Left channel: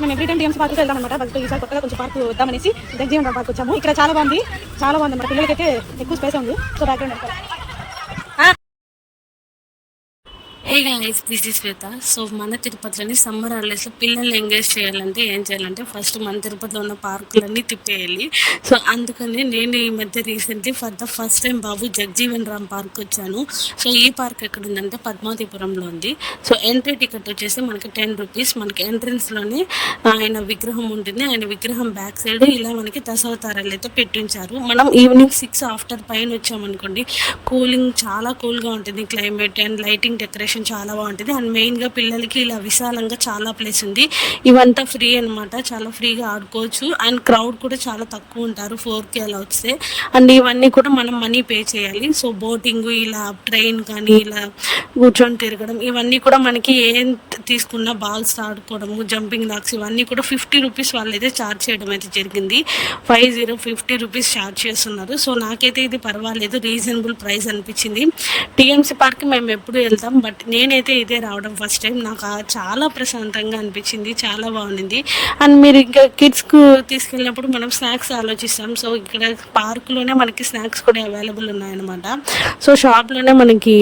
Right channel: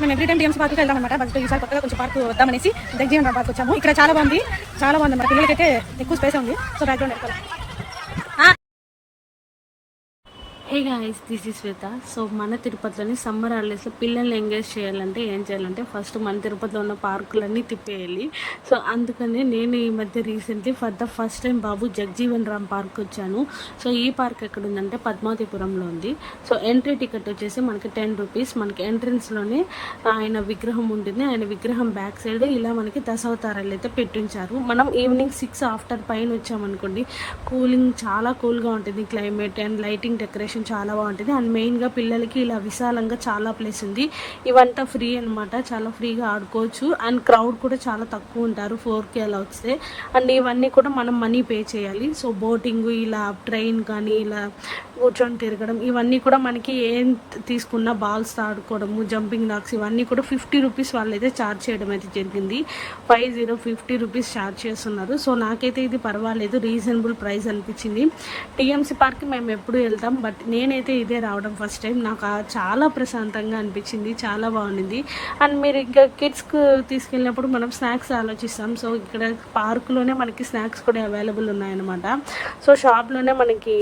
మేము every time TMC పార్క్కి వెళ్దాం అనమాట. బట్ ఈసారి కొత్తగా కొంచెం పార్క్ వద్దామనేసి జగజీవన్ పార్క్ వచ్చాము. ఇక్కడ చాలా బాగుంది అన్నమాట. పిల్లలకైతే ఎక్కువ స్పేస్ ఉంది. So background hey guys, this is Shweta. So మన తిరుపతిలోని సమ్మర్ హాలిడేస్లో పిల్లల్ని ఎంగేజ్ చేయాలంటే ఏం చేయాలంటే ఫస్ట్ మన తిరుపతిలో ఉన్న పార్కులన్నీ తిప్పేయాలి. సో అందుకని నేను ఈ మధ్య recently for the first time Babu Jagjivan Ram park వచ్చాను. సో ఈ పార్క్ ఎక్కడ ఉందంటే పద్మావతిపురంలో ఉంది. సో ఎంట్రీ టికెట్ వచ్చేసి మనకి 10 రూపీస్. మనకి ఎంట్రన్స్లోనే ఆయన విగ్రహం ఉంటుంది. ఆయన విగ్రహం బ్యాక్ సైడ్ ఇలా మనకి దశావతారాలు అయితే పెట్టించారు. మనం ఈవినింగ్ 6 ఆఫ్టర్ పైన వచ్చామనుకోండి, కూలింగ్ చాలా కూల్గా ఉంటుంది. క్లైమేట్ అండ్ లైటింగ్ డెకరేషన్ చాలా బాగుంటుంది. అండ్ మెయిన్గా పిల్లలకి ఇలా విశాలంగా చాలా ప్లేస్ ఉంది. ఇవంతా ఫ్రీ అనమాట, చాలా ఫ్రీగా ఆడుకోవచ్చు. అండ్ క్రౌడ్ కూడా చాలా తక్కువ ఉంటారు 4K అలా వస్తే. అండ్ ఇవన్నీ కూడా మనం మనీ పే చేయాలి. సో బోటింగ్, ఇలా ట్రైన్ కానీ ఇలా కూర్చొని తిరగడం, ఇవన్నీ కూడా మనకి ఏం తీసుకున్న బాల్స్ ఆడుకోవడము, జంపింగ్ లాక్స్, ఇవన్నీ కూడా 50 రూపీస్ వాళ్ళైతే ఛార్జ్ చేయడం అయితే జరిగింది. 50 రూపీస్ ఛార్జ్ చేస్తున్నారు. సో నాకైతే ఇది పర్వాలేదు, రీజనబుల్ ప్రైస్ అనిపించింది. టీఎంసీ పార్క్కి మేము ఎప్పుడు వెళ్తాం, బట్ నేనైతే ఇదే రావడం ఫస్ట్ టైం. నాకు చాలా ప్రశాంతంగా అనిపించింది, చాలా బాగుంది. అండ్ మీరు ఇంకా కిడ్స్కు తీసుకెళ్ళినప్పుడు మనం స్నాక్స్ ఆలోచిస్తాం. సో ఇక్కడ పార్కులోనే మనకి స్నాక్స్ కూడా అవైలబుల్ ఉన్నాయన్నమాట. సో షాప్లోనే మనకి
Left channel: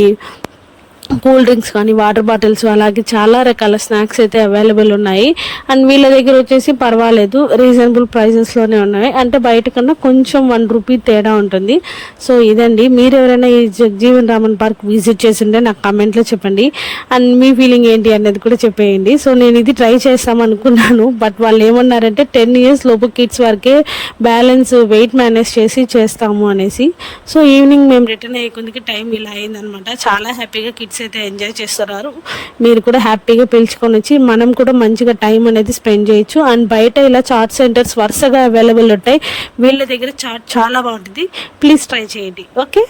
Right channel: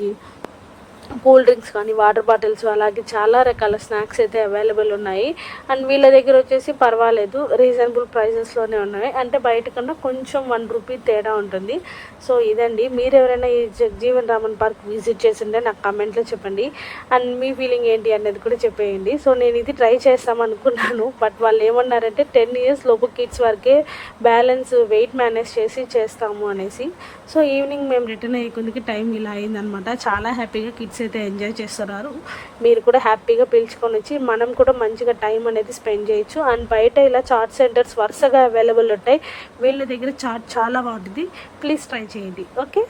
కూల్ డ్రింక్స్ కానీ, వాటర్ బాటిల్స్, అలాగే చాలా రకాల స్నాక్స్ అయితే అవైలబుల్ ఉన్నాయి. అండ్ వీళ్ళ దగ్గర వచ్చేసి పర్వాలేదు, రీజనబుల్ ప్రైజెస్లోనే ఉన్నాయి. అంటే బయట కన్నా కొంచెం 1 రూపీ తేడా ఉంటుంది. సో ఇదండి, మీరు ఎవరైనా ఈ జగజీవన్ రామన్ పార్క్ విజిట్ చేసింటే నాకు కామెంట్లో చెప్పండి. అండ్ మీ ఫీలింగ్ ఏంటి అనేది కూడా చెప్పేయండి. సో నేను ఇది ట్రై చేస్తాం అనుకున్నాను, బట్ వాళ్ళు ఏమన్నారంటే 10 ఇయర్స్ లోపు కిడ్స్ వరకే బ్యాలెన్స్ వెయిట్ మేనేజ్ చేసి చేస్తాము అనేసి. సో ఈవినింగ్ మేము రిటర్న్ అయ్యే కొద్దికి టైం ఇలా అయిందనమాట. చాలా హ్యాపీగా కిడ్స్ అయితే ఎంజాయ్ చేస్తున్నారు. మీరు కూడా హ్యాపీగా పిలుచుకొని వచ్చి మనం కూడా మంచిగా టైం అనేది స్పెండ్ చేయొచ్చు. అండ్ బయట ఇలా చాట్ సెంటర్స్ వరుసగా అవైలబుల్ ఉంటాయి. వీళ్ళ దగ్గర చాట్ చాలా బాగుంటుంది. ప్లీజ్ ట్రై చేయండి. ఓకే.